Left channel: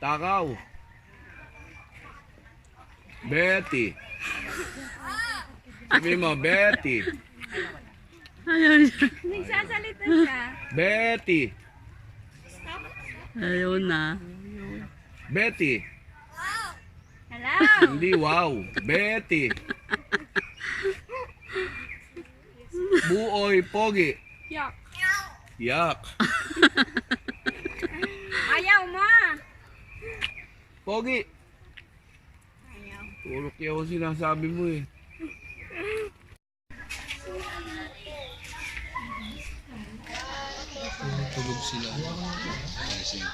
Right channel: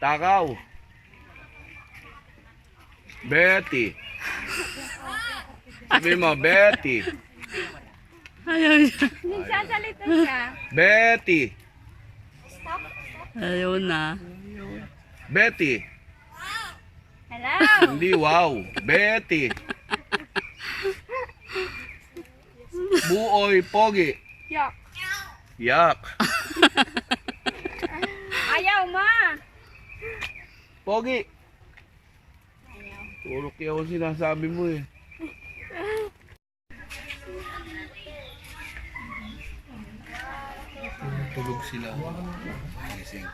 Takaw. Betty. Sabi mo, Betty. Ayaw niya. Nagsasalita siya. Betty. Ayaw na. Betty. Hello? Hindi wow. Betty. Buoy, pogi. Yak. Yak. Ayaw mo. Pogi. Puro kaya ko sinasabi mo eh. Tulog sila. Gising.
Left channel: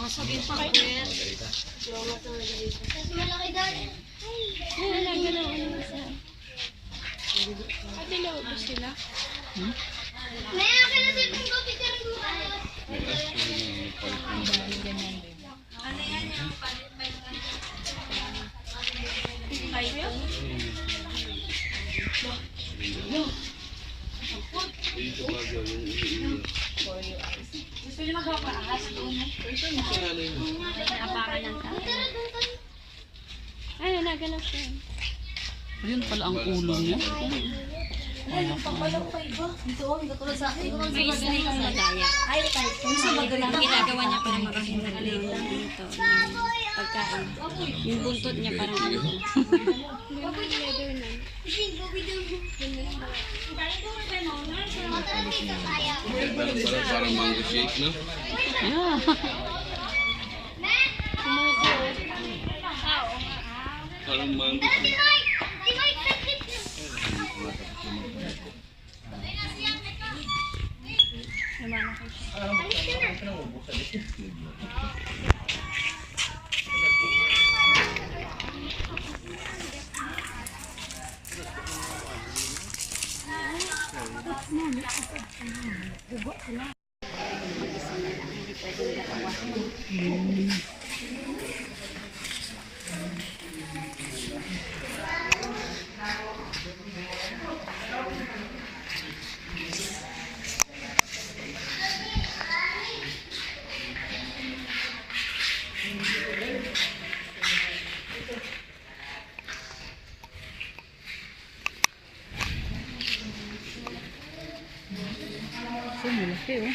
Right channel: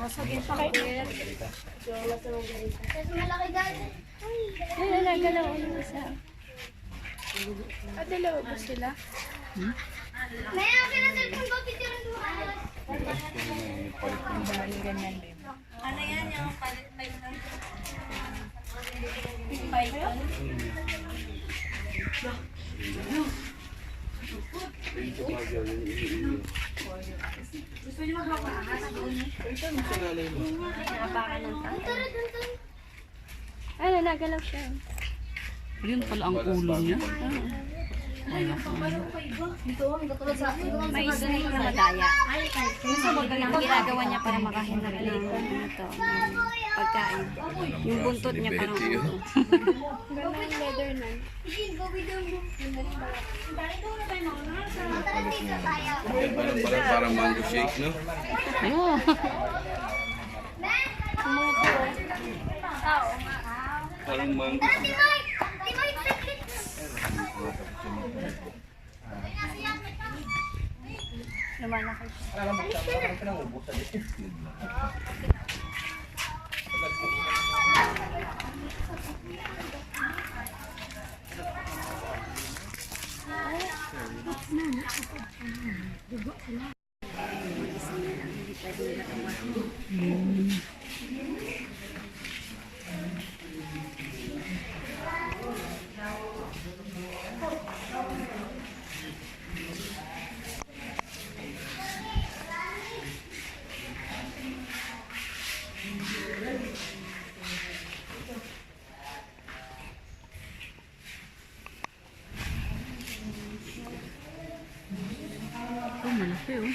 Masagin pa kayo. Dalawa ba sila? May akin na cellphone ko, picture ko. Ano yan yung palit-palit lang? Palit? Gusto niyo magkakaahas doon? Ay, nagalaw siya. Ayun pala ang ulo niya. Wala ko. May snake na daya. Ang ginagawa niya para makahinga lang dito. Pagkain. Yung buntot niya parang ulo. Parang mango shake, no? Yeah. Parang mango shake. So, malaki oh.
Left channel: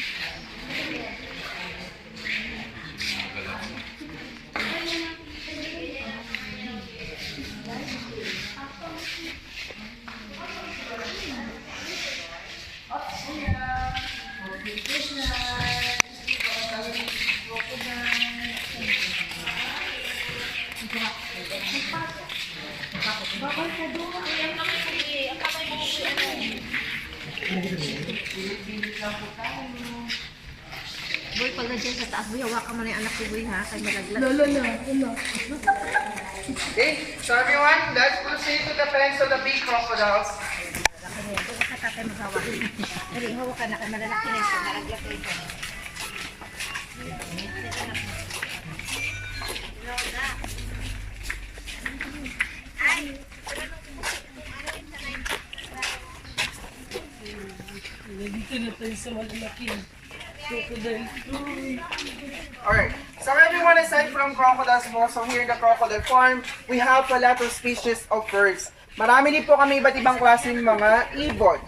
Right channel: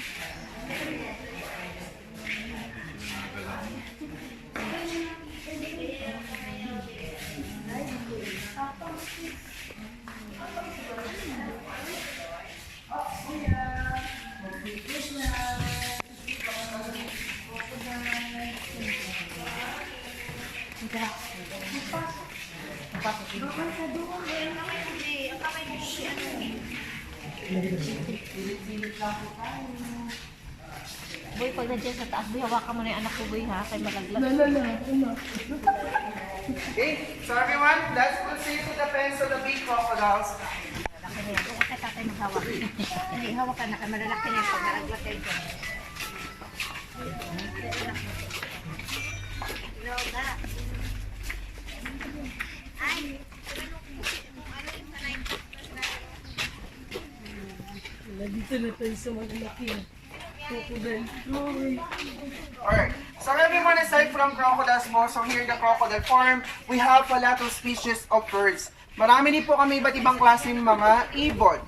Boy, pag nandiyan sa taas, hawakan mo na yung anak ko, boy, ha? Kaya malaglag. Okay, so everyone, let's proceed to the fence of the big crocodiles. Huwag ka tatay maghawak. Hindi, hawakan na. Kaya malalaki na yung pag nalaglag kayo dyan. Nandito na tayo sa malaki. Crocodile. Alright, so everyone, aside from crocodiles, so here the crocodile farm, we have a lot of species of birds. Marami din po kami iba't ibang klaseng mga ibon.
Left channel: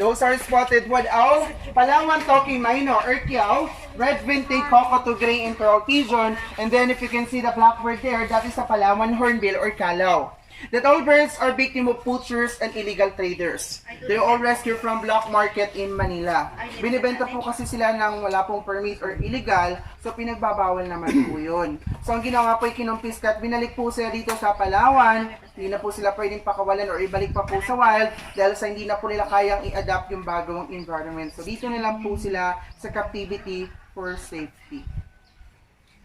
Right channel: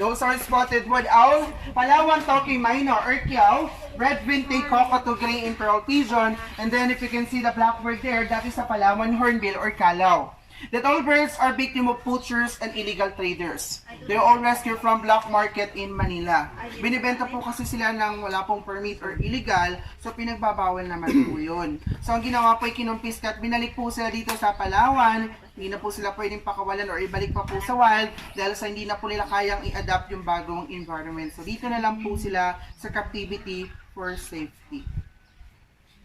Those are spotted wood owl, Palawan talking minor or kiaw, red vintage cockatoo gray and pearl pigeon, and then if you can see the blackbird there, that is a Palawan hornbill or kalaw. That all birds are victim of poachers and illegal traders. They are all rescued from black market in Manila. Binibenta po kasi sila ng wala pong permit or illegal, so pinagbabawal naman po yun. So ang ginawa po ay kinumpiska at binalik po sila dito sa Palawan. Hindi na po sila pwedeng pakawalan or ibalik pa po sa wild dahil sa hindi na po nila kayang i-adapt yung bagong environment. So dito na lang po sila sa captivity for safety.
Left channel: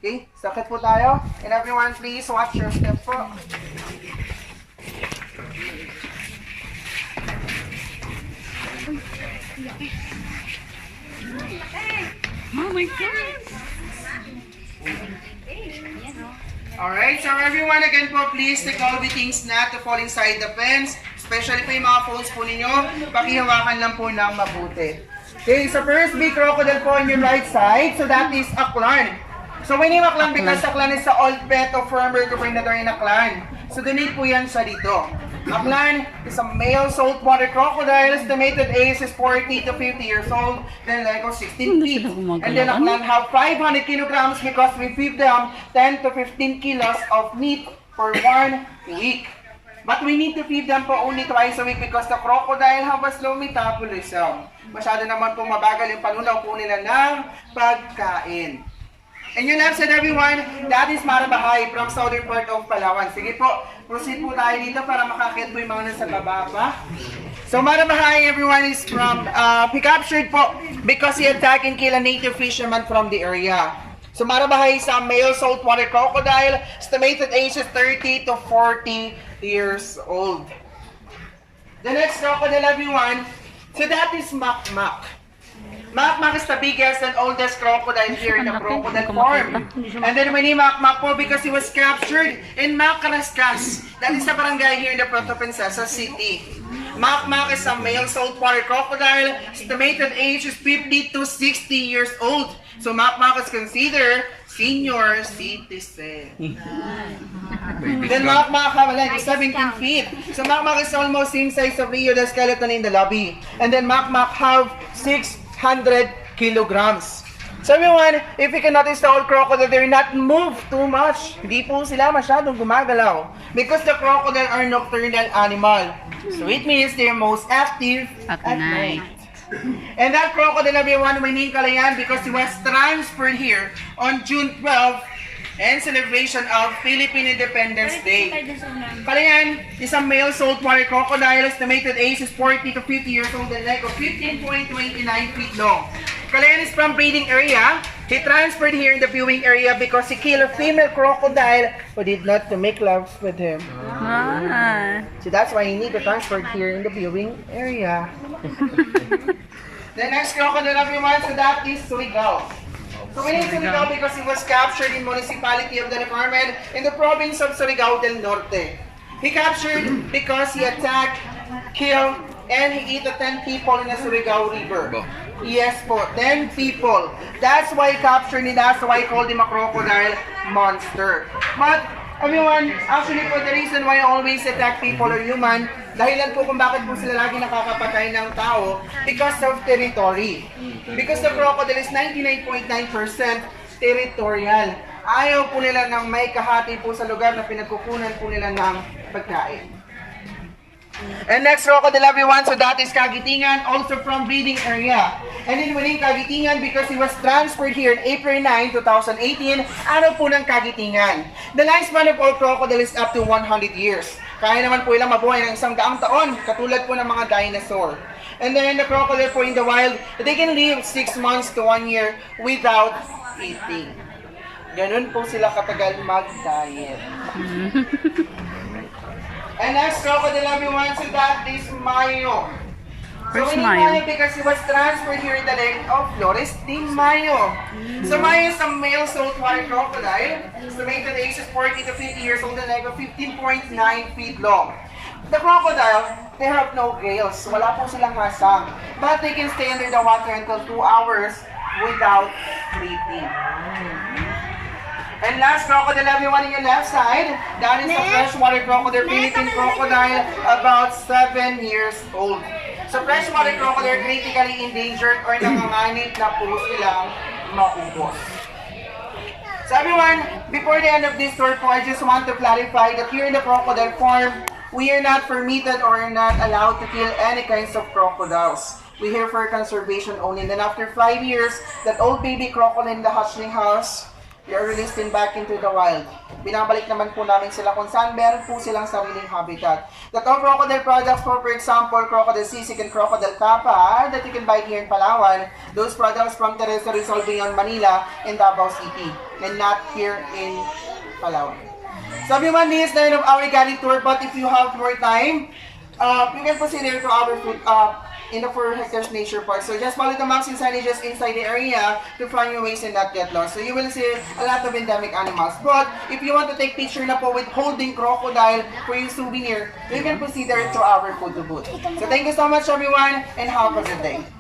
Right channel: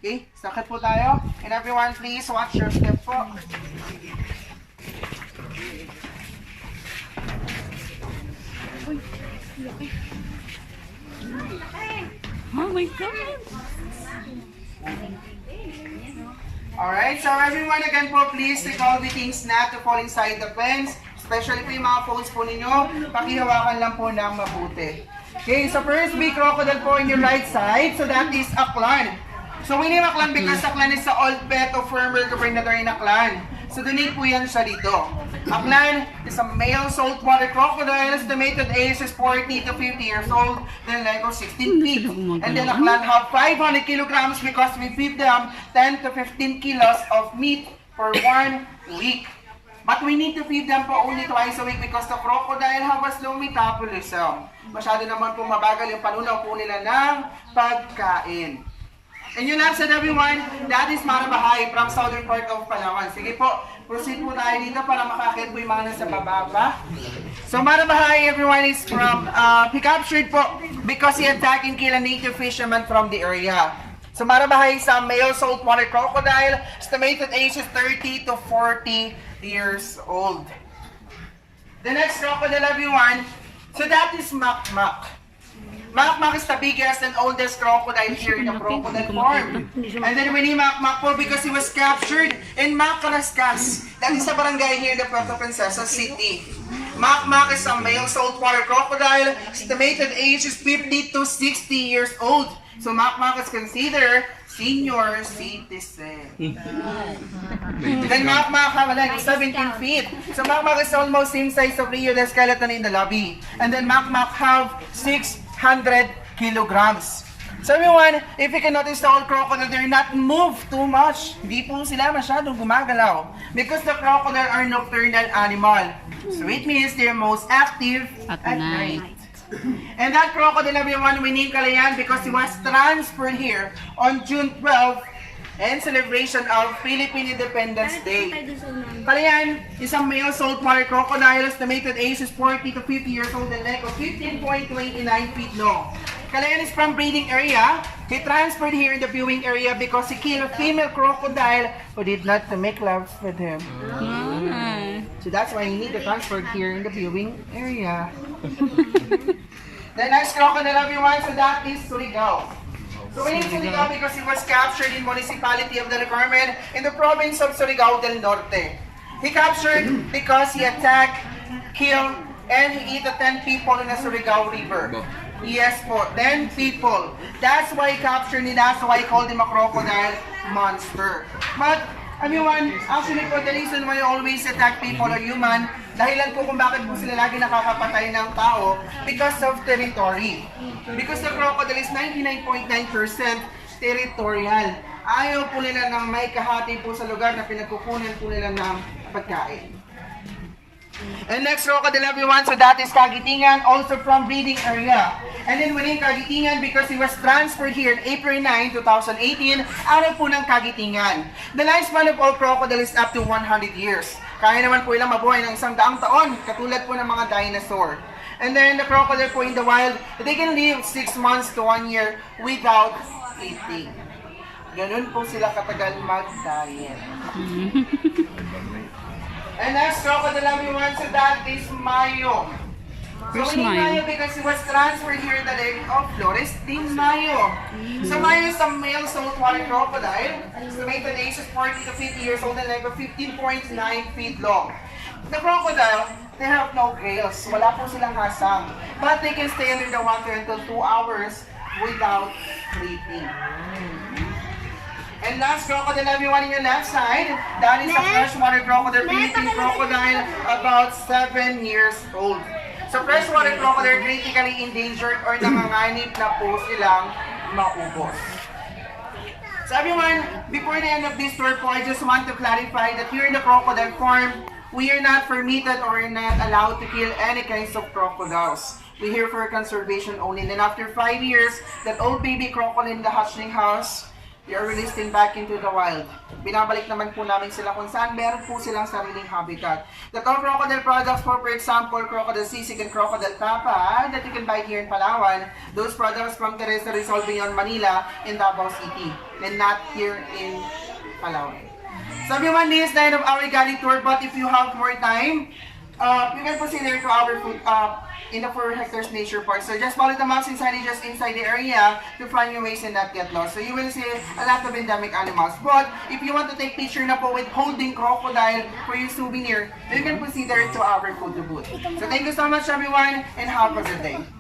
Okay, sakit po tayo. And everyone, please watch your step po. Oh my God. Alright, so everyone, again po, please take all the things not to fall inside the fence. Especially po yung mga phones po ninyo, pakihawakan lang po ng mabuti. Okay, so first big crocodile po on your right side. So that is Aklan. So we name Aklan because Aklan is the old pet of former governor in Aklan. So donate po yan sa dito. Aklan is a male saltwater crocodile. Estimated age is 40 to 50 years old. Then like 16 feet. And then Aklan have 500 kilograms because we feed them 10 to 15 kilos of meat for 1 week. But we need to feed them po only twice a week because the crocodile have a slow metabolism. Masyado naman po mabagal yung panunaw po nila ng pagkain. And yun lang said everyone, that is Marabahay from southern part of Palawan. Sige po, proceed po tayo dito para makakit po yung mga nasa baba pa. So Marabahay, everyone, is from, he captured po because he attacked and killed a native fisherman from the area. So Marabahay is a male saltwater crocodile. Estimated age is 30 to 40 years old. The next crocodile, everyone, so that is Makmak. Makmak is the biggest and oldest crocodile here in the crocodile farm. And then we name Makmak po because he was captured in Macarascas. That is the barangay here in the Puerto Princesa city. Makmak is a male saltwater crocodile. Estimated age is 50 to 60 years old. So Makmak is considered senior citizen. Then Makmak have like 17 feet. So Makmak is almost same size of Rio the skeleton in the lobby. And then Makmak have 600 kilograms. So everyone, if you can notice the old crocodile, they're not move too much. Hindi po sila masyadong gumagalaw. Because the crocodile are nocturnal animal. So it means they're most active at night. And that crocodile, everyone, we name Kalayan because he was transferred here on June 12 and celebration of Philippine Independence Day. Kalayan is a male saltwater crocodile. Estimated age is 40 to 50 years old and leg of 15, 20, 29 feet long. Kalayan is from breeding area. He transferred here in the viewing area because he killed a female crocodile who did not to make love with him. So that's why he need to transfer here in the viewing area. The next crocodile, everyone, so that is Surigao. So we need Surigao because he was captured in municipality of the Department in the province of Surigao del Norte. He captured because he attacked, killed, and he ate 10 people in the Surigao River. Yes po, 10 people. That's why he captured him. That's why I called him a crocodile monster. But everyone, actually po, the reason why I always attack people or human, dahilan po kung bakit po sila lagi nakakapatay ng tao, because of territory. Because the crocodile is 99.9% territorial. Ayaw po nila ng may kahati po sa lugar na pinagkukunan po nila ng pagkain. And next crocodile, everyone, so that is Kagitingan, also from breeding area. And then within Kagitingan because he was transferred here in April 9, 2018, ano po ng Kagitingan? The lifespan of all crocodile is up to 100 years. Kaya naman po ilang mabuhay ng 100 taon, katulad po ng mga dinosaur. And then the crocodile po in the wild, they can live 6 months to 1 year without eating. Ganun po sila katagal mag-diet. And next crocodile, everyone, so that is Mayo. Where's so Mayo? Because he was transferred here in the lake of Flores de Mayo. So Mayo is a male saltwater crocodile. Estimated age is 40 to 50 years old and leg of 15.9 feet long. The crocodile, they have no gills. So wala po silang masang. But they can stay under the water until 2 hours without breathing. And last crocodile, everyone in your left side, that is a freshwater crocodile, Philippine crocodile, about 7 years old. So freshwater crocodile critically endangered or nanganganib na po silang maubos. So everyone, before the end of this tour po, I just want to clarify that here in the crocodile farm, we are not permitted or not allowed to kill any kinds of crocodiles. We're here for conservation only. And then after 5 years, that old baby crocodile in the hatchling house, they are released in back into the wild. Binabalik naman po namin sila kung saan meron po silang sariling habitat. The top crocodile products for example, crocodile sisig and crocodile tapa that you can buy here in Palawan. Those products from Teresa Rizal beyond Manila in Davao City and not here in Palawan. So everyone, this is the end of our Galing tour, but if you have more time, you can proceed there to our food in the 4 hectares nature park. So just follow the maps and signages inside the area to find your ways and not get lost. So you will see a lot of endemic animals. But if you want to take picture na po with holding crocodile for your souvenir, you can proceed there to our photo booth. So thank you so much everyone and have a good day.